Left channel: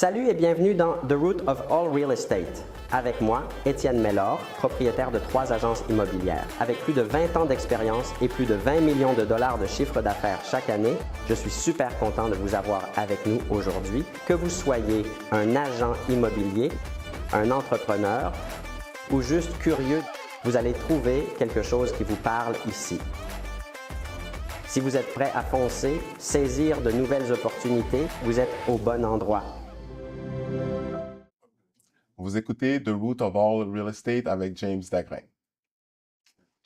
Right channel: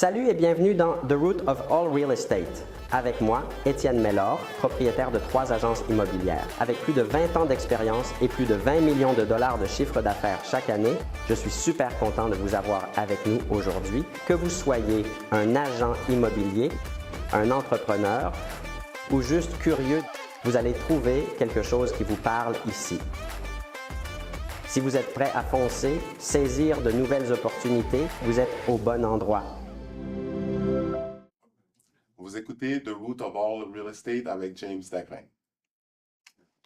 Salut et bienvenue dans The Root of All Real Estate. Avec moi, Étienne Mellor, propriétaire de 3 agences immobilières. Avec plus de 20 ans d'expérience et plus de 20 millions de dollars de chiffre d'affaires chaque année, je suis super content de vous avoir avec nous aujourd'hui. Que vous soyez un agent immobilier, un entrepreneur ou juste curieux, vous allez trouver quelque chose qui vous parle ici. Si vous êtes prêt à foncer, saisir de nouvelles opportunités, vous êtes au bon endroit. Vous écoutez The Root of All Real Estate avec James Dagrin.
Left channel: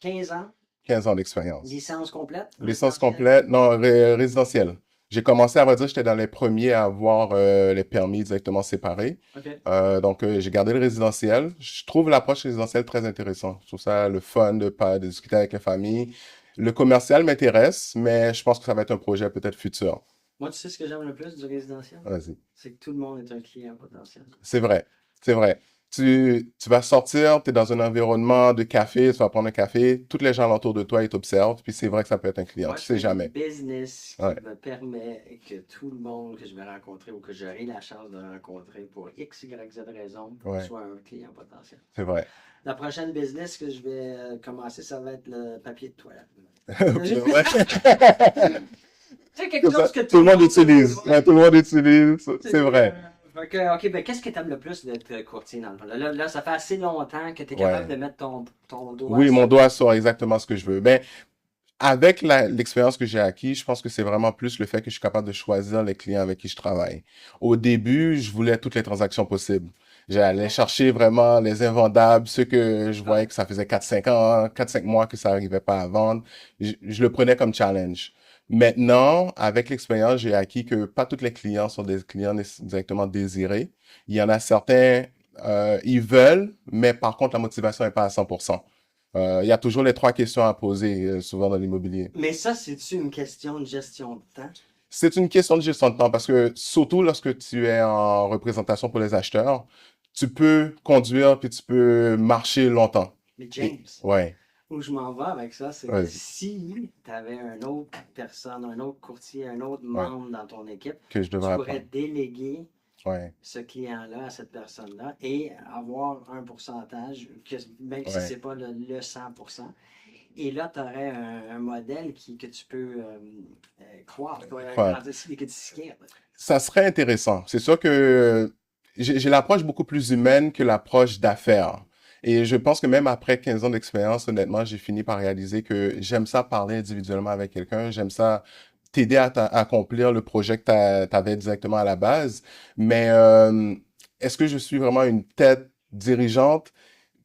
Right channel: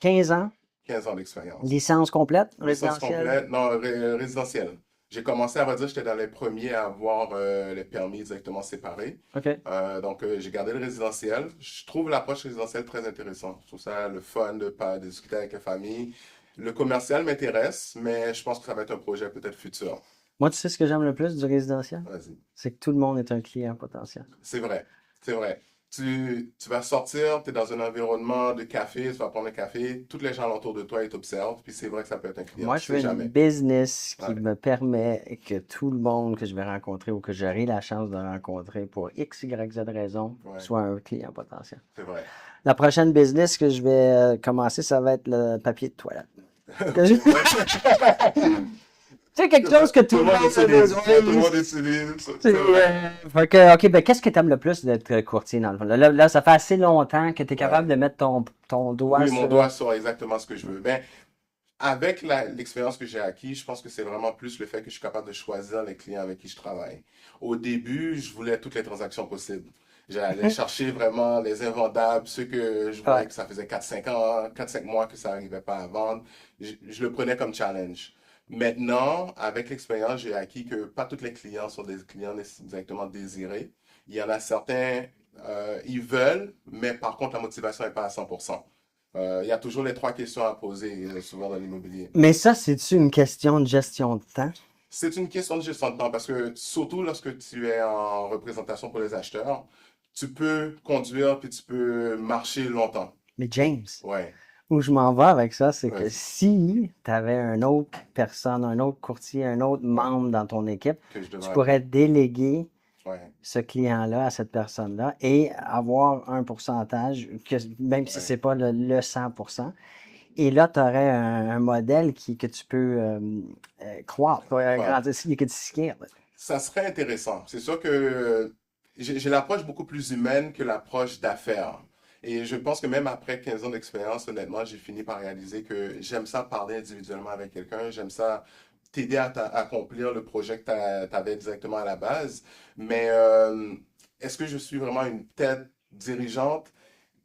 15 ans, 15 ans d'expérience. licence complète? Licence résidentielle? complète, non, résidentielle. J'ai commencé, à vrai dire, j'étais dans les premiers à avoir les permis directement séparés. OK. Donc, j'ai gardé le résidentiel. Je trouve l'approche résidentielle très intéressante. Je trouve ça le fun de discuter avec la famille. Le commercial m'intéresse, mais je pense que ça va être un projet peut-être futur. Moi, tu sais ce que j'aime le plus du résidentiel? Vas-y. C'est que tout le monde est un client potentiel. C'est vrai, c'est vrai. Tu vas sortir, tu es dans un environnement de café, tu vas prendre un café, tous les gens autour de toi, ils t'observent, puis c'est vrai que ça peut être un client, Moi, tu je sais fais jamais. un business qui Ouais. me permet que tout le monde que je vais rencontrer ou que j'aurai la chance de rencontrer pour X, Y, Z raison Ouais. soit un client potentiel. C'est vrai. La prochaine business que je vais commencer, ça va être le papier de toilette. Ok, ouais. Tu sais, quelque chose que Tout le monde a utilise. besoin. Ouais, tout le monde utilise. C'est vrai. Fait que, OK, ben qu'est-ce que tu aimes le plus d'être courtier dans le fond? Là, ça fait assez longtemps que tu es capable Ouais. de mettre ton doigt Oui, mon sur- doigt sur exactement ce que je veux. Ben, avec l'expérience que j'ai acquis, je pense que c'est vraiment plus le fait que je suis capable de choisir les clients avec qui je travaille. Au début, je voulais toutes les transactions possibles. J'allais chercher vraiment les invendables, ceux que je voyais Ouais. que ça faisait 4-5 ans, 4-5 mois que ça n'arrivait pas à vendre. Je le prenais comme challenge. Maintenant, avec l'expérience, j'ai acquis que pas tous les clients sont des clients directement désirés. Il y en a certains, ils veulent, mais par contre, la motivation n'est pas à 100%. Il y a toujours les 3 questions à poser, souvent dans l'immobilier. Mais ça, c'est-tu une question de gestion de temps? C'est une question de gestion de temps parce que surtout lorsque tu es en représentation pour les acheteurs, tu peux conduire puis tu peux marcher longtemps. Mais James, Ouais, où je m'en vais avec ça, c'est que Vas-y. si tu avais une autre personne, un autre courtier, un autre membre dans ton équipe, que je tu devrais pourrais déléguer Ouais, ce client-là à cette personne-là et avoir un pourcentage, même si Ouais. c'est pas le 100%. Et là, tu aurais un modèle que tu peux croître, grandir, que tu scales. ça serait intéressant. C'est sûr que j'ai l'approche beaucoup plus humaine que l'approche d'affaires. Et je pense que même après 15 ans d'expérience, honnêtement, j'ai fini par réaliser que j'aime ça parler individuellement avec quelqu'un. J'aime ça t'aider à accomplir le projet que tu avais directement à la base. Mais est-ce que je suis vraiment une tête dirigeante?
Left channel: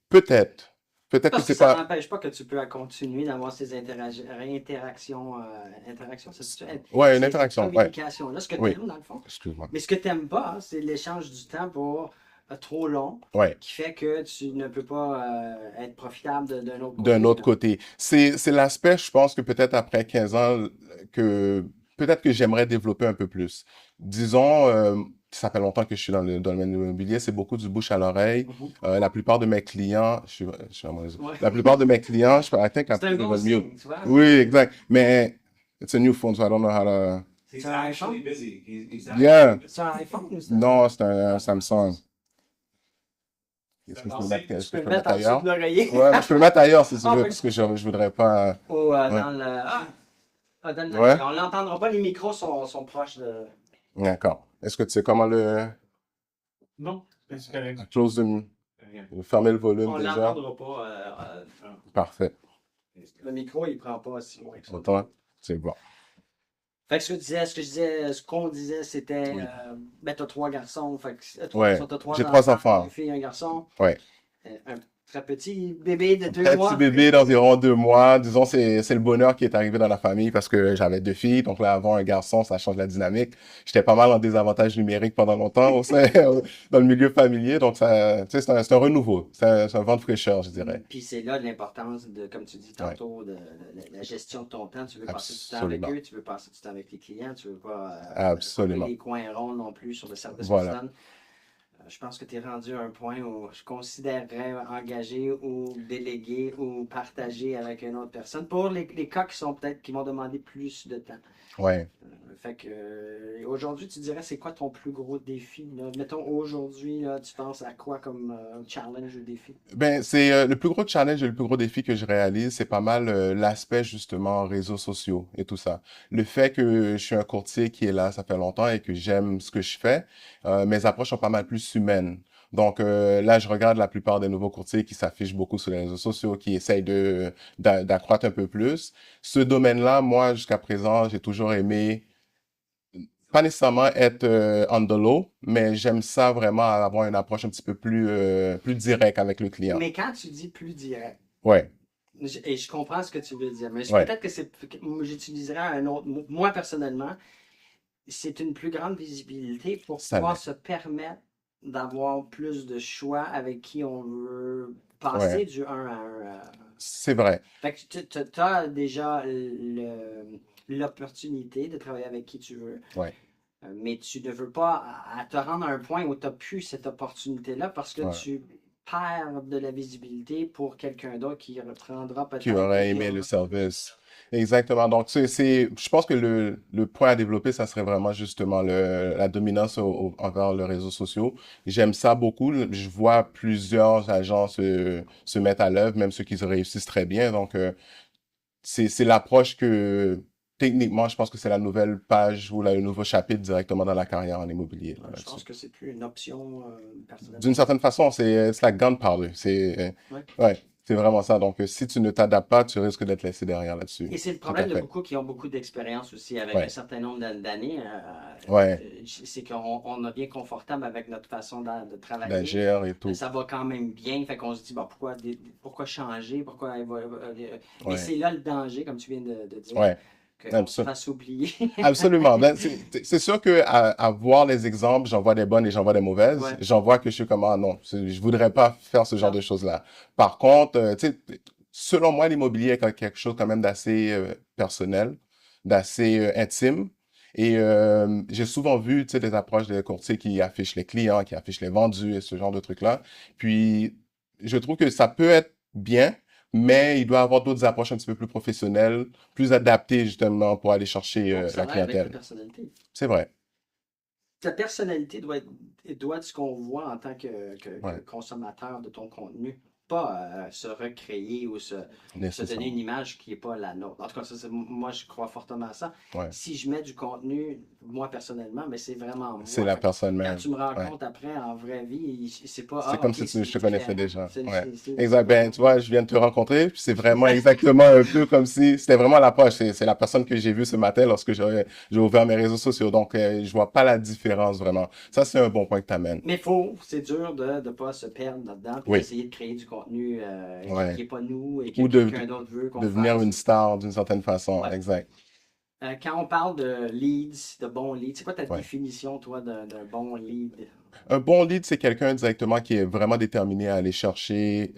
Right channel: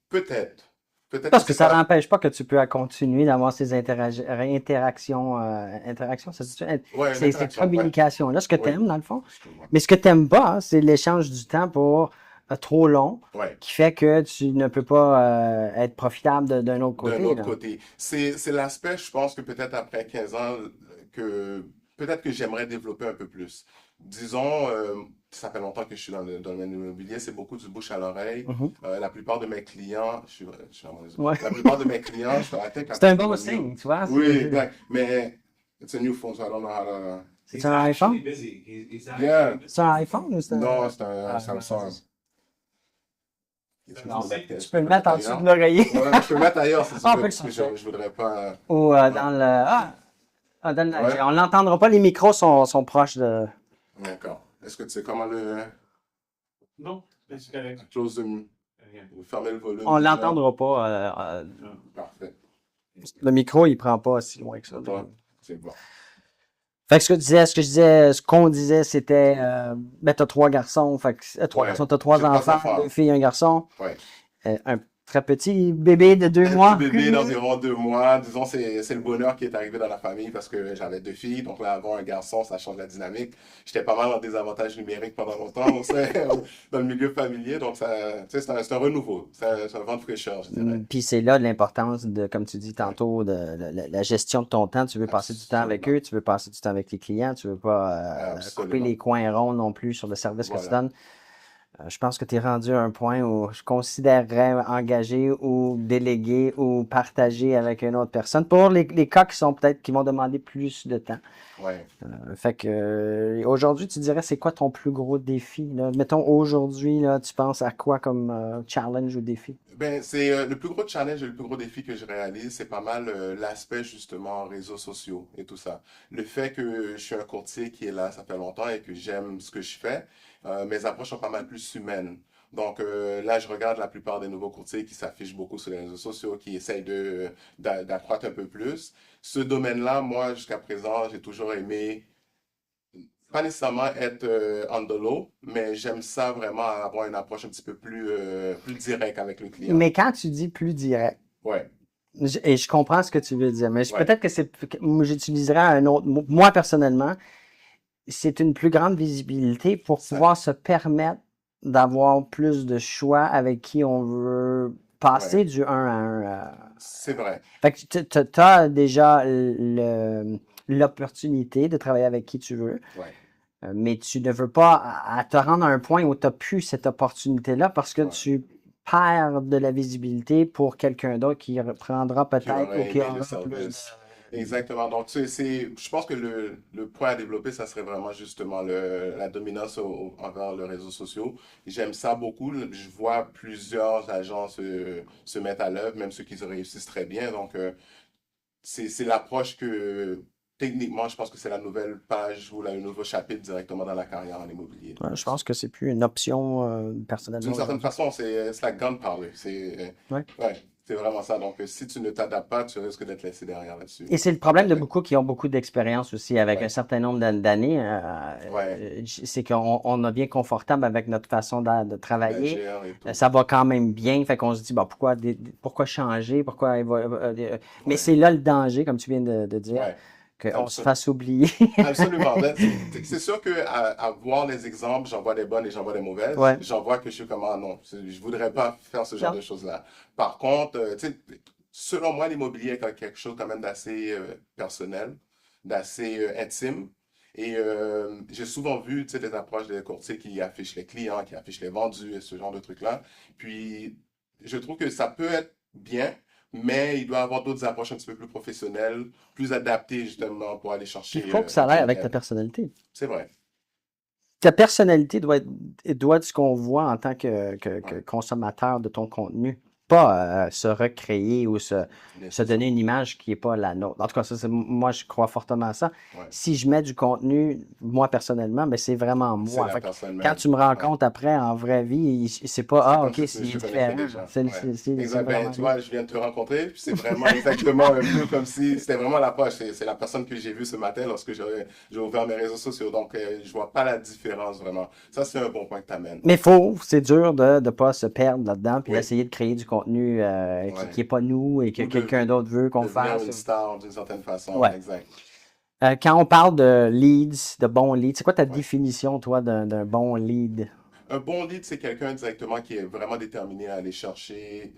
Peut-être. Peut-être que Parce que c'est ça pas... n'empêche pas que tu peux continuer d'avoir ces interactions, Ouais, une ces interaction. Ouais. communications-là, ce que tu Oui. aimes dans le fond. Excuse-moi. Mais ce que tu n'aimes pas, hein, c'est l'échange du temps pour trop long, Ouais. qui fait que tu ne peux pas être profitable d'un autre côté. D'un autre là. côté. C'est l'aspect, je pense que peut-être après 15 ans, que peut-être que j'aimerais développer un peu plus. Disons, ça fait longtemps que je suis dans le domaine immobilier, c'est beaucoup du bouche à l'oreille. Mhm. La plupart de mes clients, je suis à mon réseau. Ouais. La plupart de mes clients, je I think C'est un I bon was mute. signe, tu vois. Oui, exact. Mais it's a new phone, so I don't know how to... C'est un iPhone? Yeah. C'est un iPhone ou c'est un... Non, c'est un Samsung. Est-ce que je peux Tu peux le mettre en dessous de l'oreiller. Ouais, mais je peux le mettre ailleurs si tu Ah, veux, oui, parce que je voudrais pas... Ou Ouais. dans le... dans le... Ouais. On l'entendra pas, les micros sont proches de... D'accord. Est-ce que tu sais comment le... Non, c'est correct. Close de... Fermer le volume On déjà? l'entendra pas. Parfait. Le micro, il prend pas si loin que ça. Attends, c'est bon. Fait que ce qu'on disait, c'était, ben, t'as 3 garçons, fait que, 3 Ouais, garçons, t'as 3 j'ai 3 enfants, enfants. 2 filles, un garçon, Ouais. un très petit bébé de 2 Un mois. petit bébé d'environ 2 mois. Disons, c'est le bonheur qui est arrivé dans la famille parce que j'avais 2 filles. Donc là, avoir un garçon, ça change la dynamique. J'étais pas mal en désavantage numérique pendant longtemps au sein, dans le milieu familier. Donc, ça, tu sais, c'est un renouveau. C'est un vent de fraîcheur, je dirais. Puis c'est là l'importance de, comme tu dis tantôt, de la gestion de ton temps. Tu veux passer du temps avec Absolument. eux, tu veux passer du temps avec les clients, tu veux pas couper Absolument. les coins ronds non plus sur le service que tu Voilà. donnes. Je pense que tu es rendu à un point où je considérerais engager ou déléguer ou partager avec une autre personne pour les cas qui sont peut-être qui vont demander plus de temps. Ouais. Fait que aujourd'hui, tu dirais c'est quoi ton plus gros défi, là? Mettons aujourd'hui, là, tu penses à quoi comme challenge ou défi? Ben, c'est le plus gros challenge et le plus gros défi que je réalise, c'est pas mal l'aspect justement réseaux sociaux et tout ça. Le fait que je suis un courtier qui est là, ça fait longtemps et que j'aime ce que je fais, mes approches sont pas mal plus humaines. Donc là, je regarde la plupart des nouveaux courtiers qui s'affichent beaucoup sur les réseaux sociaux, qui essayent d'accroître un peu plus. Ce domaine-là, moi, jusqu'à présent, j'ai toujours aimé pas nécessairement être on the low, mais j'aime ça vraiment avoir une approche un petit peu plus directe avec le client. Mais quand tu dis plus direct, Ouais, et je comprends ce que tu veux dire, mais ouais, peut-être que j'utiliserais un autre mot. Moi, personnellement, c'est une plus grande visibilité pour ça pouvoir l'est. se permettre d'avoir plus de choix avec qui on veut Ouais, passer du un à 1. c'est vrai. Fait que tu as déjà l'opportunité de travailler avec qui tu veux, Ouais, mais tu ne veux pas à te rendre à un point où tu n'as plus cette opportunité-là parce que ouais. tu perds de la visibilité pour quelqu'un d'autre qui reprendra Qui peut-être ou aurait qui aimé le aura plus service. Exactement. Donc, je pense que le point à développer, ça serait vraiment justement la dominance envers les réseaux sociaux. J'aime ça beaucoup. Je vois plusieurs agences se mettre à l'œuvre, même ceux qui réussissent très bien. Donc, c'est l'approche que, techniquement, je pense que c'est la nouvelle page ou le nouveau chapitre directement dans la carrière en immobilier. je pense que c'est plus une option D'une personnellement. certaine façon, c'est la gunpowder. Ouais. Ouais, c'est vraiment ça. Donc, si tu ne t'adaptes pas, tu risques d'être laissé derrière là-dessus. Et c'est le Tout à problème de fait. beaucoup qui ont beaucoup d'expérience aussi avec un Ouais, certain nombre d'années. ouais, C'est qu'on a bien confortable avec notre façon de travailler. d'agir et tout. Ça va quand même bien. Fait qu'on se dit, bon, pourquoi changer? Mais Ouais, c'est là le danger, comme tu viens de dire, ouais, qu'on se absolument. fasse oublier. Absolument. Ben, c'est sûr que à voir les exemples, j'en vois des bonnes et j'en vois des mauvaises. Ouais. J'en vois que je suis comme, ah non, je voudrais pas faire ce genre Non. de choses-là. Par contre, tu sais, selon moi, l'immobilier est quelque chose quand même d'assez personnel, d'assez intime. Et j'ai souvent vu, tu sais, des approches des courtiers qui affichent les clients, qui affichent les vendus et ce genre de trucs-là. Puis, je trouve que ça peut être bien, mais il doit y avoir d'autres approches un petit peu plus professionnelles, plus adaptées justement pour aller Il chercher faut que ça la aille avec ta clientèle. personnalité. C'est vrai. Ta personnalité doit être ce qu'on voit en tant que Ouais, consommateur de ton contenu. Pas se recréer ou se donner une nécessairement. image qui n'est pas la nôtre. En tout cas, moi, je crois fortement à ça. Ouais. Si je mets du contenu, moi, personnellement, mais c'est vraiment C'est moi. la Fait que personne quand même. tu me Ouais. rencontres après, en vraie vie, c'est pas, C'est ah, comme OK, si c'est je te connaissais différent. déjà. C'est Ouais. c'est- c'est- c'est Exact. Ben, vraiment tu lui. vois, je viens de te rencontrer, puis c'est vraiment exactement un peu comme si c'était vraiment l'approche. C'est la personne que j'ai vue ce matin lorsque j'ai ouvert mes réseaux sociaux. Donc, je vois pas la différence vraiment. Ça, c'est un bon point que tu amènes. Mais c'est dur de ne pas se perdre là-dedans puis Oui. d'essayer de créer du contenu qui Ouais. n'est pas nous et que Ou quelqu'un d'autre veut qu'on devenir fasse. une star d'une certaine façon. Ouais. Exact. Quand on parle de leads, de bons leads, c'est quoi ta Ouais. définition, toi, d'un bon lead? Un bon lead, c'est quelqu'un directement qui est vraiment déterminé à aller chercher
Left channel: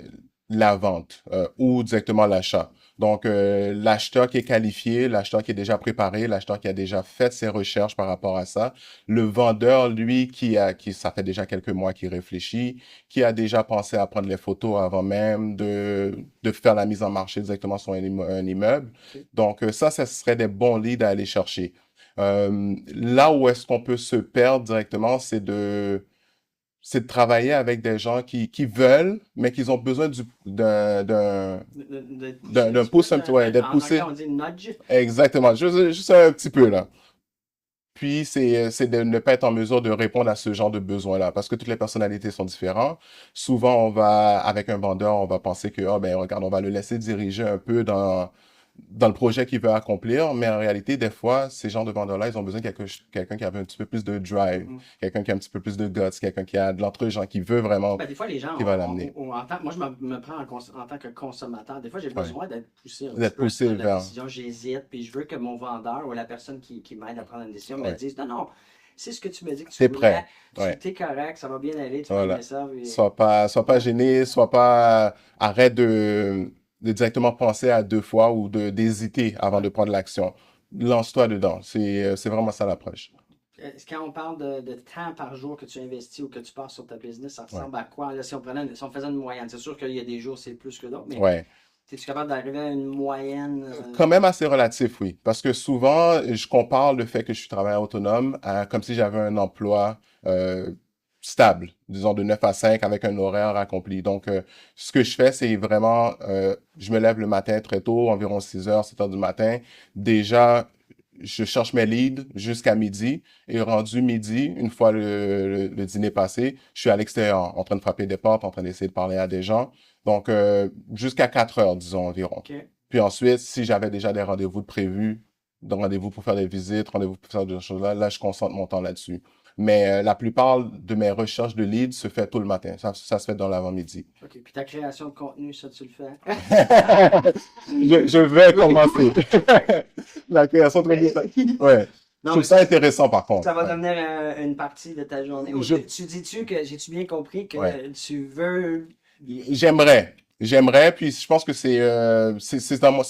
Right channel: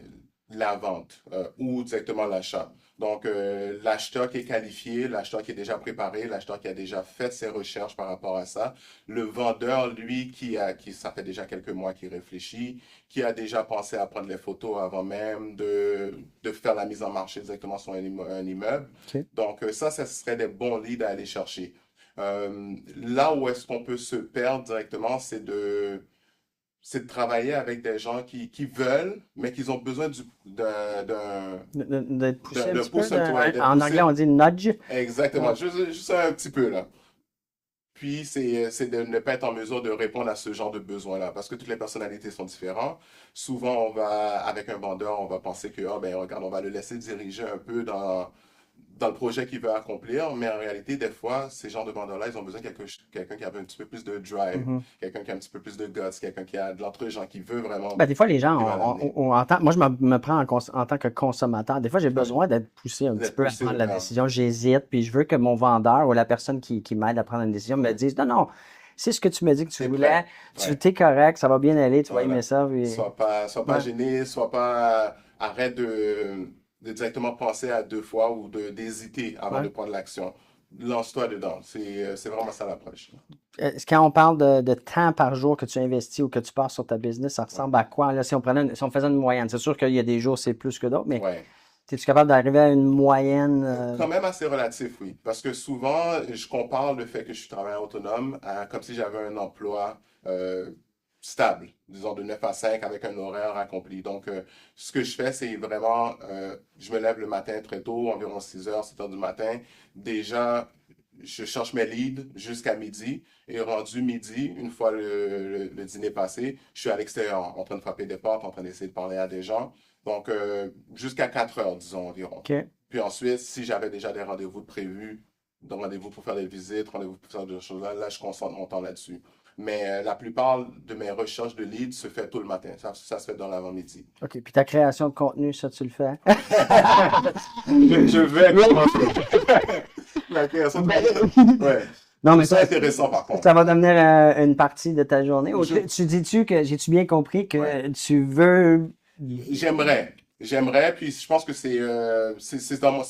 la vente ou directement l'achat. Donc, l'acheteur qui est qualifié, l'acheteur qui est déjà préparé, l'acheteur qui a déjà fait ses recherches par rapport à ça. Le vendeur, lui, ça fait déjà quelques mois qu'il réfléchit, qui a déjà pensé à prendre les photos avant même de faire la mise en marché directement sur un immeuble. OK. Donc, ça serait des bons leads à aller chercher. Là où est-ce qu'on peut se perdre directement, c'est de travailler avec des gens qui veulent, mais qui ont besoin D'être poussé un d'un petit peu. pouce un petit, ouais, d'être En anglais, poussé. on dit nudge. Exactement, Ouais. juste un petit peu, là. Puis, c'est de ne pas être en mesure de répondre à ce genre de besoin-là, parce que toutes les personnalités sont différentes. Souvent, avec un vendeur, on va penser que, oh, ben, regarde, on va le laisser diriger un peu dans le projet qu'il veut accomplir, mais en réalité, des fois, ces genres de vendeurs-là, ils ont besoin de quelqu'un qui avait un petit peu plus de drive, Mhm. quelqu'un qui a un petit peu plus de guts, quelqu'un qui a de l'entre-gens, qui veut vraiment, Ben, des fois, les gens, qui va l'amener, moi, je me prends en tant que consommateur. Des fois, j'ai ouais, besoin d'être poussé un petit d'être peu à poussé prendre la vers, décision. J'hésite, puis je veux que mon vendeur ou la personne qui m'aide à prendre une décision me ouais, dise, non, non, c'est ce que tu me dis que tu t'es voulais, prêt, ouais, t'es correct, ça va bien aller, tu vas aimer voilà. ça. Sois pas Ouais. gêné, arrête de directement penser à deux fois ou d'hésiter avant Ouais. de prendre l'action. Lance-toi dedans. C'est vraiment ça l'approche. Quand on parle de temps par jour que tu investis ou que tu passes sur ta business, ça ressemble à quoi? Là, si on faisait une moyenne, c'est sûr qu'il y a des jours c'est plus que d'autres, mais Ouais. es-tu capable d'arriver à une moyenne? Quand même assez relatif, oui. Parce que souvent, je compare le fait que je suis travailleur autonome à comme si j'avais un emploi stable, disons de 9 à 5 avec un horaire accompli. Donc, ce que je fais, c'est vraiment, je me lève le matin très tôt, environ 6 heures, 7 heures du matin. Déjà, je cherche mes leads jusqu'à midi. Et rendu midi, une fois le dîner passé, je suis à l'extérieur, en train de frapper des portes, en train d'essayer de parler à des gens. Donc, jusqu'à 4 heures, disons, environ. OK. Puis ensuite, si j'avais déjà des rendez-vous de prévus, des rendez-vous pour faire des visites, rendez-vous pour faire des choses-là, là, je concentre mon temps là-dessus. Mais la plupart de mes recherches de leads se fait tôt le matin. Ça se fait dans l'avant-midi. OK. Puis ta création de contenu, ça, tu le fais? Je vais commencer. La création de contenu. Ouais. Non, mais C'est intéressant, par contre. ça va devenir une partie de ta journée. Ou Je- tu dis-tu que, j'ai-tu bien compris que Ouais. tu veux... J'aimerais, puis je pense que c'est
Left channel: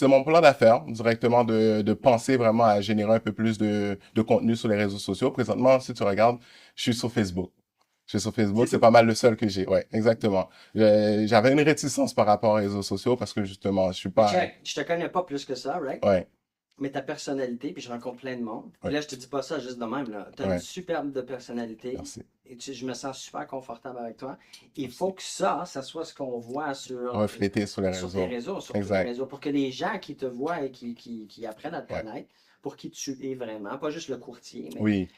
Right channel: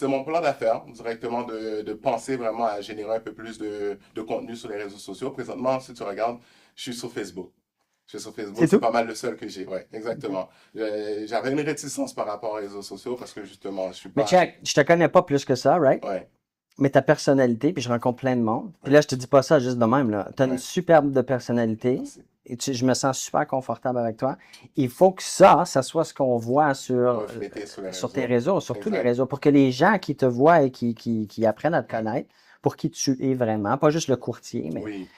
mon plan d'affaires directement de penser vraiment à générer un peu plus de contenu sur les réseaux sociaux. Présentement, si tu regardes, je suis sur Facebook. Je suis sur Facebook, C'est c'est tout? pas mal le seul que j'ai. Ouais, exactement. J'avais une réticence par rapport aux réseaux sociaux parce que justement, je suis Mais pas. check, je te connais pas plus que ça, right? Ouais, Mais ta personnalité, puis je rencontre plein de monde. Puis Ouais. là, je te dis pas ça juste de même, là. Tu as une Ouais. superbe de personnalité. merci. Et je me sens super confortable avec toi. Il faut que ça soit ce qu'on voit sur Refléter sur les réseaux. tes réseaux, sur tous les Exact. réseaux, pour que les gens qui te voient et qui apprennent à te Ouais. connaître, pour qui tu es vraiment, pas juste le courtier, mais Oui,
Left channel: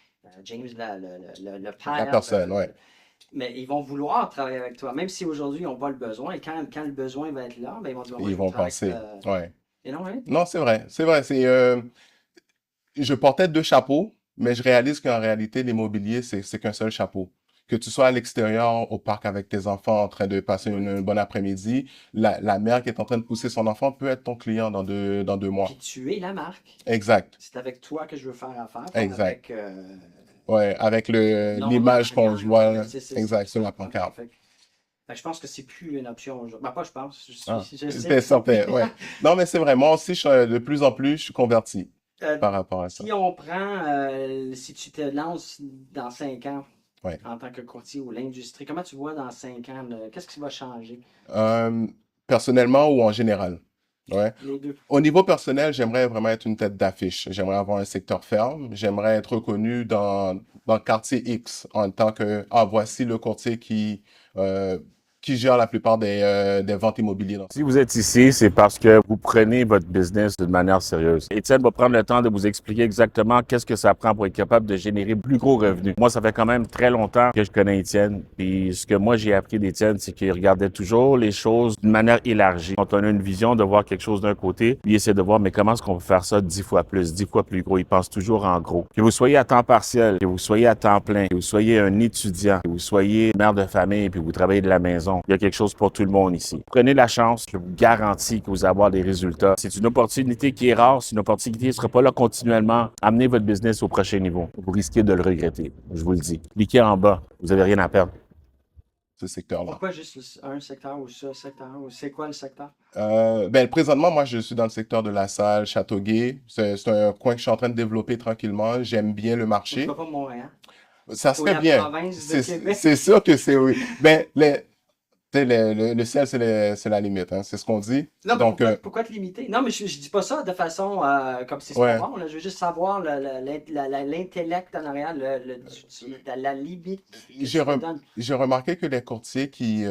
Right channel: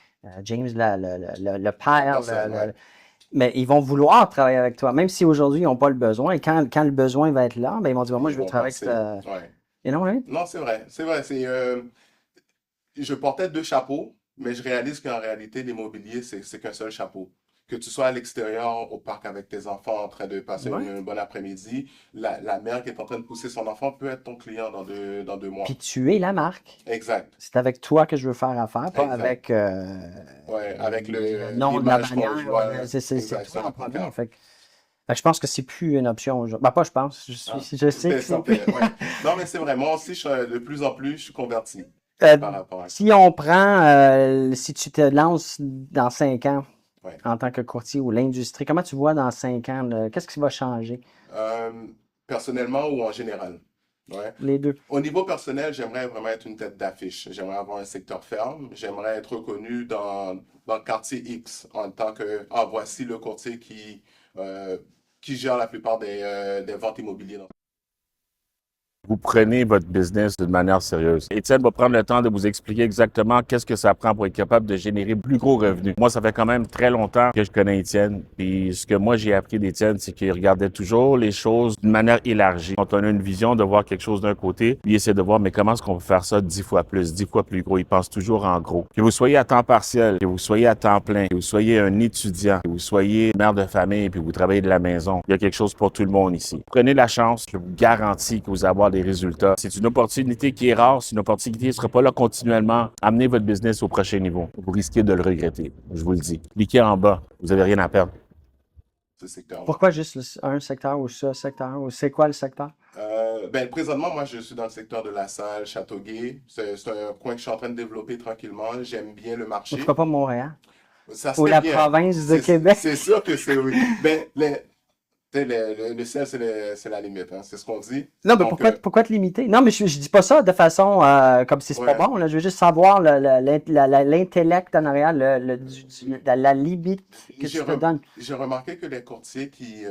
James, le la père, personne, ouais. mais ils vont vouloir travailler avec toi, même si aujourd'hui ils n'ont pas le besoin. Et quand le besoin va être là, ben, ils vont dire, moi, Ils je veux vont travailler passer. avec... Ouais. Et non, hein? Non, c'est vrai. C'est vrai. Je portais deux chapeaux, mais je réalise qu'en réalité, l'immobilier, c'est qu'un seul chapeau. Que tu sois à l'extérieur, au parc avec tes enfants, en train de passer Ouais. une bonne après-midi, la mère qui est en train de pousser son enfant peut être ton client dans 2 mois. Puis tu es la marque. Exact. C'est avec toi que je veux faire affaire, pas Exact. avec Ouais, avec nom de la l'image qu'on manière, voit. c'est Exact, tout sur la le problème. pancarte. Fait que je pense que c'est plus une option aujourd'hui. Ben, pas je pense, je Ah, sais que c'est c'est plus. certain, ouais. Non, mais c'est vrai. Moi aussi, de plus en plus, je suis converti Euh, par rapport à ça. Si on prend, si tu te lances dans 5 ans Ouais. en tant que courtier ou l'industrie, comment tu vois dans 5 ans, qu'est-ce qui va changer? Personnellement ou en général? Ouais. Les deux. Au niveau personnel, j'aimerais vraiment être une tête d'affiche. J'aimerais avoir un secteur ferme. J'aimerais être reconnu dans le quartier X en tant que, voici le courtier qui gère la plupart des ventes immobilières. Si vous êtes ici, c'est parce que vous prenez votre business d'une manière sérieuse. Étienne va prendre le temps de vous expliquer exactement qu'est-ce que ça prend pour être capable de générer plus gros revenus. Moi, ça fait quand même très longtemps que je connais Étienne. Puis ce que moi, j'ai appris d'Étienne, c'est qu'il regardait toujours les choses d'une manière élargie. Quand on a une vision de voir quelque chose d'un côté, il essaie de voir, mais comment est-ce qu'on peut faire ça 10 fois plus, 10 fois plus gros. Il pense toujours en gros. Que vous soyez à temps partiel, que vous soyez à temps plein, que vous soyez un étudiant, que vous soyez mère de famille, puis vous travaillez de la maison, il y a quelque chose pour tout le monde ici. Prenez la chance, je vous garantis que vous allez avoir des résultats. C'est une opportunité qui est rare, c'est une opportunité qui ne sera pas là continuellement. Amenez votre business au prochain niveau. Vous risquez de le regretter, je vous le dis. Cliquez en bas, vous n'avez rien à perdre. Ce secteur-là. Pourquoi juste un secteur ou ce secteur? Ou c'est quoi le secteur? Présentement, moi, je suis dans le secteur de La Salle, Châteauguay. C'est un coin que je suis en train de développer tranquillement. J'aime bien le marché. Pourquoi pas Montréal? Ça se Ou fait la bien. province de Québec? C'est sûr que c'est oui. Tu sais, le ciel, c'est la limite, hein. C'est ce qu'on dit. Non, mais Donc, pourquoi te limiter? Non, mais je dis pas ça de façon comme si c'était Ouais. bon. Là. Je veux juste savoir l'intellect en arrière, la limite que J'ai tu te donnes. j'ai remarqué que les courtiers qui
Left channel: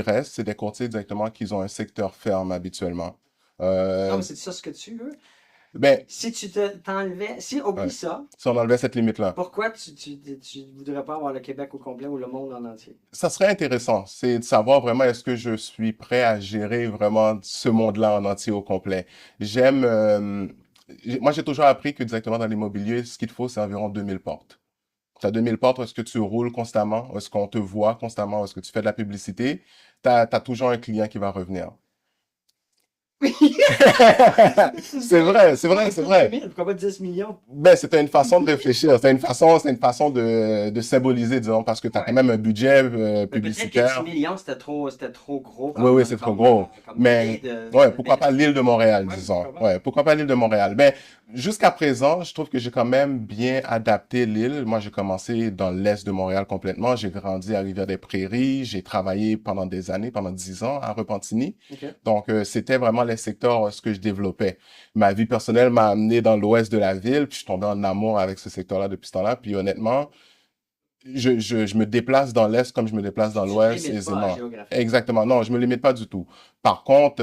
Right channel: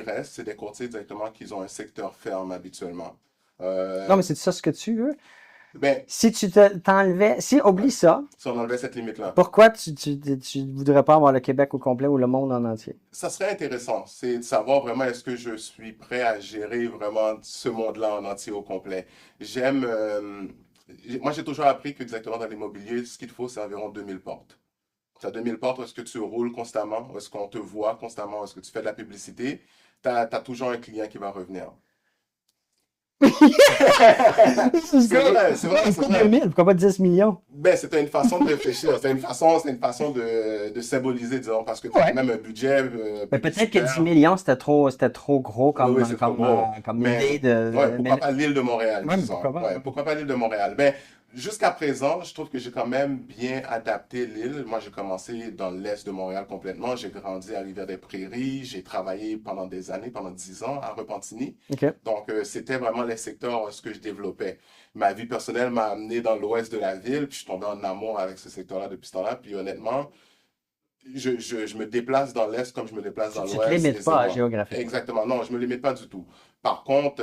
restent, c'est des courtiers directement qui ont un secteur ferme habituellement. Non, mais c'est ça ce que tu veux. Ben, Si tu t'enlevais, oublie Ouais. ça, si on enlevait cette limite-là, pourquoi tu voudrais pas avoir le Québec au complet ou le monde en entier? ça serait intéressant. C'est de savoir vraiment est-ce que je suis prêt à gérer vraiment ce monde-là en entier au complet. Moi, j'ai toujours appris que directement dans l'immobilier, ce qu'il te faut, c'est environ 2000 portes. Tu as 2000 portes, est-ce que tu roules constamment? Est-ce qu'on te voit constamment? Est-ce que tu fais de la publicité? Tu as toujours un client qui va revenir. C'est vrai, c'est vrai, c'est vrai. 2000, pourquoi pas 10 millions? Ben, c'était une façon de réfléchir. C'est une façon de symboliser, disons, parce que tu as Ouais. quand même un budget Mais peut-être que publicitaire. 10 millions, c'était trop gros comme, Oui, c'est trop gros. comme Mais, idée de... ouais, pourquoi pas l'île de Montréal, Ouais, disons. pourquoi pas? Ouais, pourquoi pas l'île de Montréal? Ben, Jusqu'à présent, je trouve que j'ai quand même bien adapté l'île. Moi, j'ai commencé dans l'est de Montréal complètement. J'ai grandi à Rivière-des-Prairies. J'ai travaillé pendant des années, pendant 10 ans à Repentigny. OK. Donc, c'était vraiment les secteurs ce que je développais. Ma vie personnelle m'a amené dans l'ouest de la ville, puis je suis tombé en amour avec ce secteur-là depuis ce temps-là. Puis honnêtement, je me déplace dans l'est comme je me déplace dans Tu te l'ouest limites pas aisément. géographiquement. Exactement. Non, je me limite pas du tout. Par contre,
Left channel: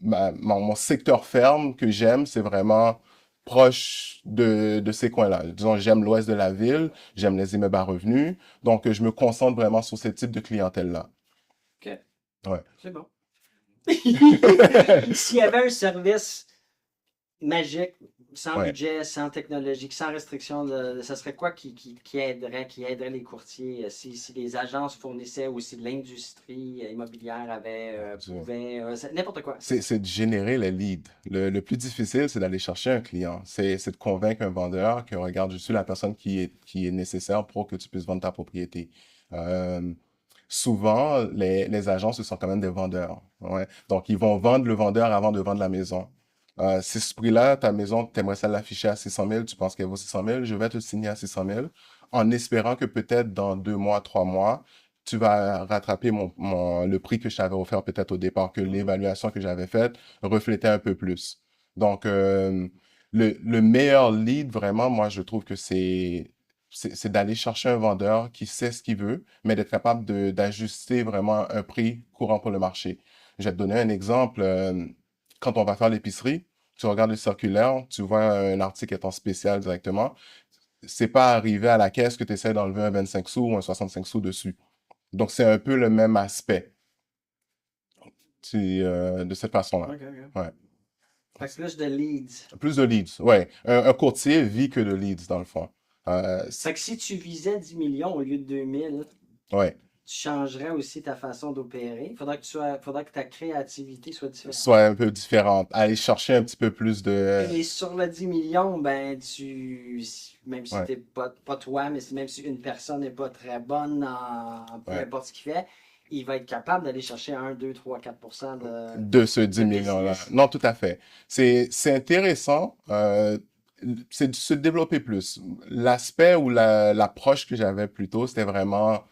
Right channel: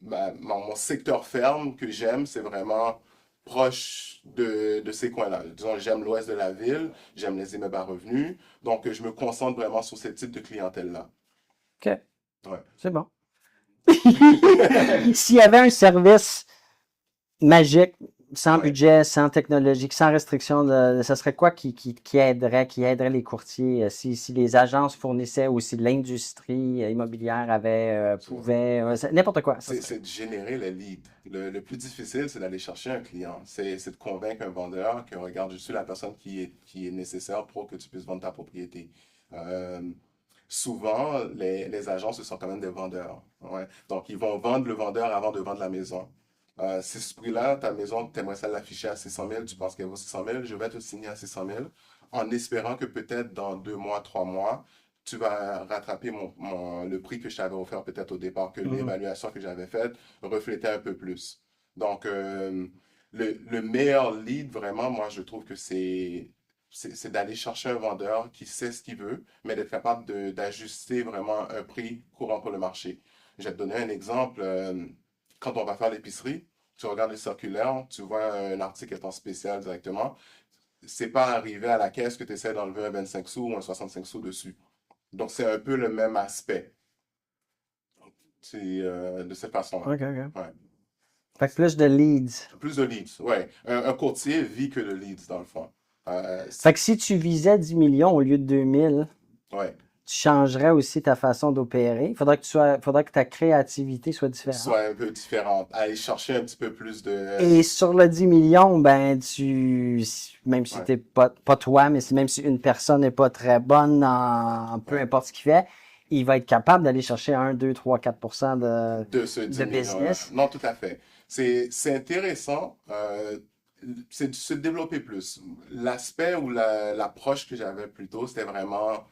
mon secteur ferme que j'aime, c'est vraiment proche de ces coins-là. Disons, j'aime l'ouest de la ville, j'aime les immeubles à revenus, donc je me concentre vraiment sur ce type de clientèle-là. OK. Ouais. C'est bon. S'il y avait un service magique, sans Ouais. budget, sans technologique, sans restriction, ça serait quoi qui aiderait les courtiers si les agences fournissaient ou si l'industrie immobilière pouvait, n'importe quoi. C'est de générer les leads. Le plus difficile, c'est d'aller chercher un client. C'est de convaincre un vendeur que, regarde, je suis la personne qui est nécessaire pour que tu puisses vendre ta propriété. Souvent, les agents, ce sont quand même des vendeurs. Ouais. Donc, ils vont vendre le vendeur avant de vendre la maison. Si ce prix-là, ta maison, tu aimerais ça l'afficher à 600 000, tu penses qu'elle vaut 600 000, je vais te signer à 600 000 en espérant que peut-être dans 2 mois, 3 mois, tu vas rattraper le prix que je t'avais offert peut-être au départ, que l'évaluation que j'avais faite reflétait un peu plus. Donc, le meilleur lead, vraiment, moi, je trouve que c'est d'aller chercher un vendeur qui sait ce qu'il veut, mais d'être capable d'ajuster vraiment un prix courant pour le marché. Je vais te donner un exemple. Quand on va faire l'épicerie, tu regardes le circulaire, tu vois un article étant spécial directement. C'est pas arrivé à la caisse que tu essaies d'enlever un 25 sous ou un 65 sous dessus. Donc, c'est un peu le même aspect. C'est de cette façon-là. OK, OK. Ouais. Fait que plus de leads. Plus de leads, ouais. Un courtier vit que de leads, dans le fond. Fait que si tu visais 10 millions au lieu de 2000, Ouais. tu changerais aussi ta façon d'opérer. Faudrait que ta créativité soit différente. Soit un peu différente. Aller chercher un petit peu plus de... Et sur le 10 millions, ben, même si Ouais. t'es pas toi, mais même si une personne n'est pas très bonne en peu Ouais. importe ce qu'il fait, il va être capable d'aller chercher 1, 2, 3, 4% de ce 10 millions-là. business. Non, tout à fait. C'est intéressant. C'est de se développer plus. L'aspect ou l'approche que j'avais plutôt, c'était vraiment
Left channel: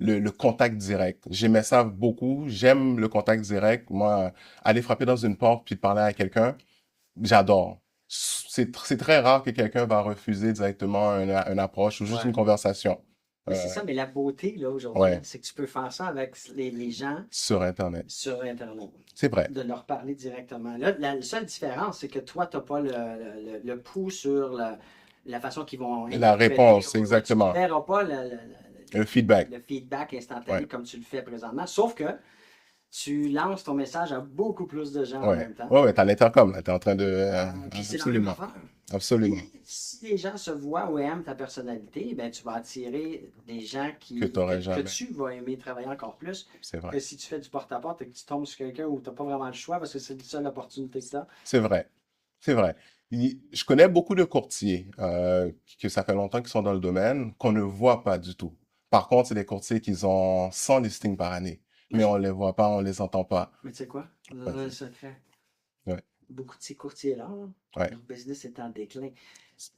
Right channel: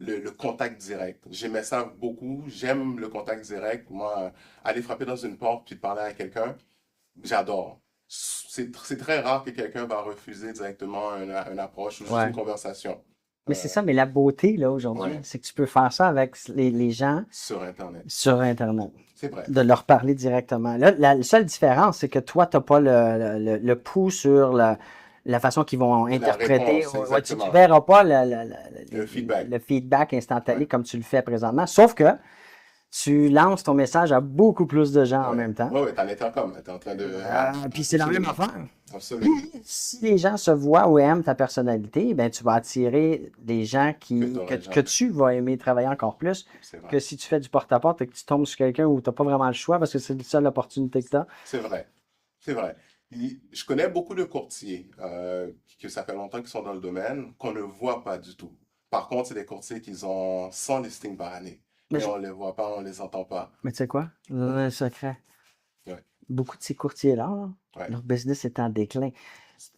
le contact direct. J'aimais ça beaucoup. J'aime le contact direct. Moi, aller frapper dans une porte puis parler à quelqu'un, j'adore. C'est très rare que quelqu'un va refuser directement une approche ou juste Ouais. une conversation Mais c'est ça, mais la beauté, là, aujourd'hui, Ouais. c'est que tu peux faire ça avec les gens sur Internet. sur Internet. C'est vrai. De leur parler directement. Là, la seule différence, c'est que toi, tu n'as pas le pouls sur la façon qu'ils vont interpréter. réponse, Ouais, exactement. tu ne verras pas Un feedback. le feedback instantané Ouais. comme tu le fais présentement. Sauf que tu lances ton message à beaucoup plus de gens en Ouais. même temps. Ouais, t'as l'intercom, là. T'es en train de... Puis c'est la même Absolument. affaire. Absolument. Si les gens se voient ou aiment ta personnalité, ben, tu vas attirer des gens t'aurais que jamais. tu vas aimer travailler encore plus C'est vrai. que si tu fais du porte-à-porte et que tu tombes sur quelqu'un où tu n'as pas vraiment le choix parce que c'est la seule opportunité que tu as. C'est vrai. C'est vrai. Je connais beaucoup de courtiers que ça fait longtemps qu'ils sont dans le domaine, qu'on ne voit pas du tout. Par contre, c'est des courtiers qui ont 100 listings par année. Mais Mais je- on les voit pas, on les entend pas. Mais tu sais quoi? Je vais donner un secret. Ouais. Beaucoup de ces courtiers-là, là, Ouais. leur business est en déclin.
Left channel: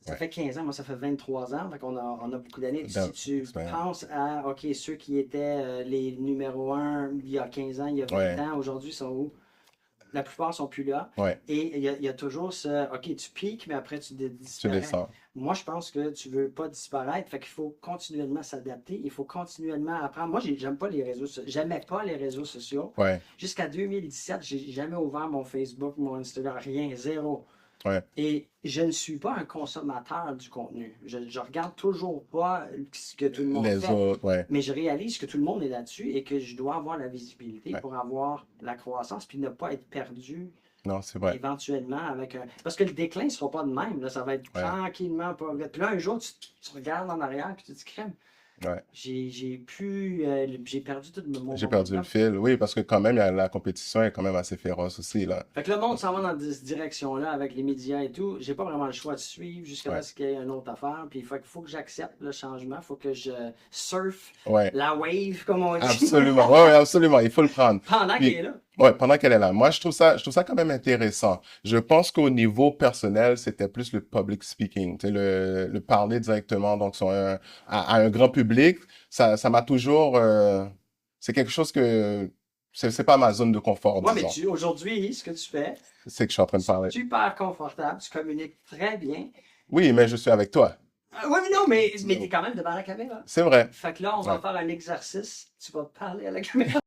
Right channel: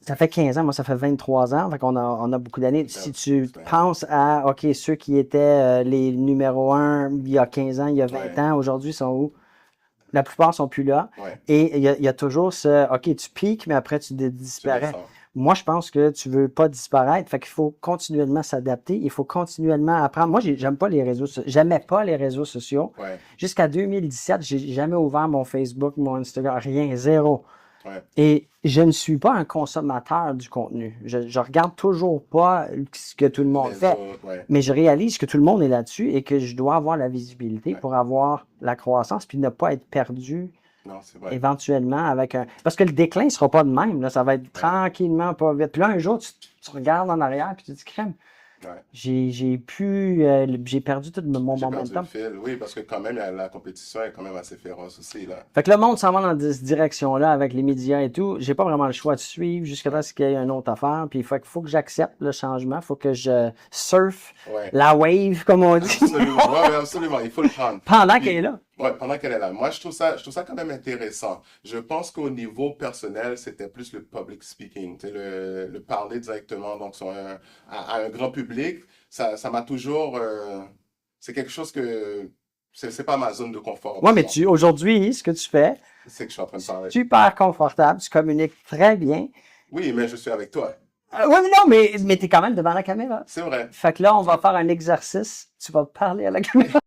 Ça fait 15 ans, moi ça fait 23 ans, fait qu'on on a beaucoup d'années. Si tu Ouais. penses à, OK, ceux qui étaient les numéro 1 il y a 15 ans, il y a 20 Ouais. ans, aujourd'hui sont où? La plupart sont plus là. Ouais, Et il y a toujours ce, OK, tu piques, mais après tu tu disparais. descends. Moi, je pense que tu veux pas disparaître. Fait qu'il faut continuellement s'adapter. Il faut continuellement apprendre. Moi, j'aime pas les réseaux sociaux. J'aimais pas les réseaux sociaux. Ouais, Jusqu'à 2017, j'ai jamais ouvert mon Facebook, mon Instagram, rien, zéro. ouais, Et je ne suis pas un consommateur du contenu. Je regarde toujours pas ce que tout le monde les fait. autres, ouais. Mais je réalise que tout le monde est là-dessus et que je dois avoir la visibilité Ouais. pour avoir la croissance puis ne pas être perdu Non, c'est vrai. éventuellement avec un... Parce que le déclin ne sera pas de même, là, ça va être tranquillement, pas vite. Puis là, un jour, tu regardes en arrière puis tu te dis, crème, Ouais. j'ai perdu tout mon J'ai perdu le momentum. fil. Oui, parce que quand même, la compétition est quand même assez féroce aussi, là. Fait que le monde s'en va dans cette direction-là avec les médias et tout. J'ai pas vraiment le choix de suivre jusqu'à Ouais. ce qu'il y ait une autre affaire. Puis il faut que j'accepte le changement. Il faut que je surfe Ouais. la wave, comme on dit, Absolument. Ouais, ouais, absolument. Il faut le prendre. pendant Puis- qu'elle est là. Ouais, pendant qu'elle est là. Moi, je trouve ça quand même intéressant. Je pense qu'au niveau personnel, c'était plus le public speaking, tu sais, le parler directement donc à un grand public. Ça m'a toujours, c'est quelque chose que c'est pas ma zone de confort, Ouais, mais disons. aujourd'hui, ce que tu fais, C'est que je suis en train de parler. super confortable, tu communiques très bien. Oui, mais je suis avec toi. Oui, mais non, mais tu es quand même devant la caméra. C'est vrai. Fait que là, on va Ouais. faire un exercice. Tu vas parler à la caméra.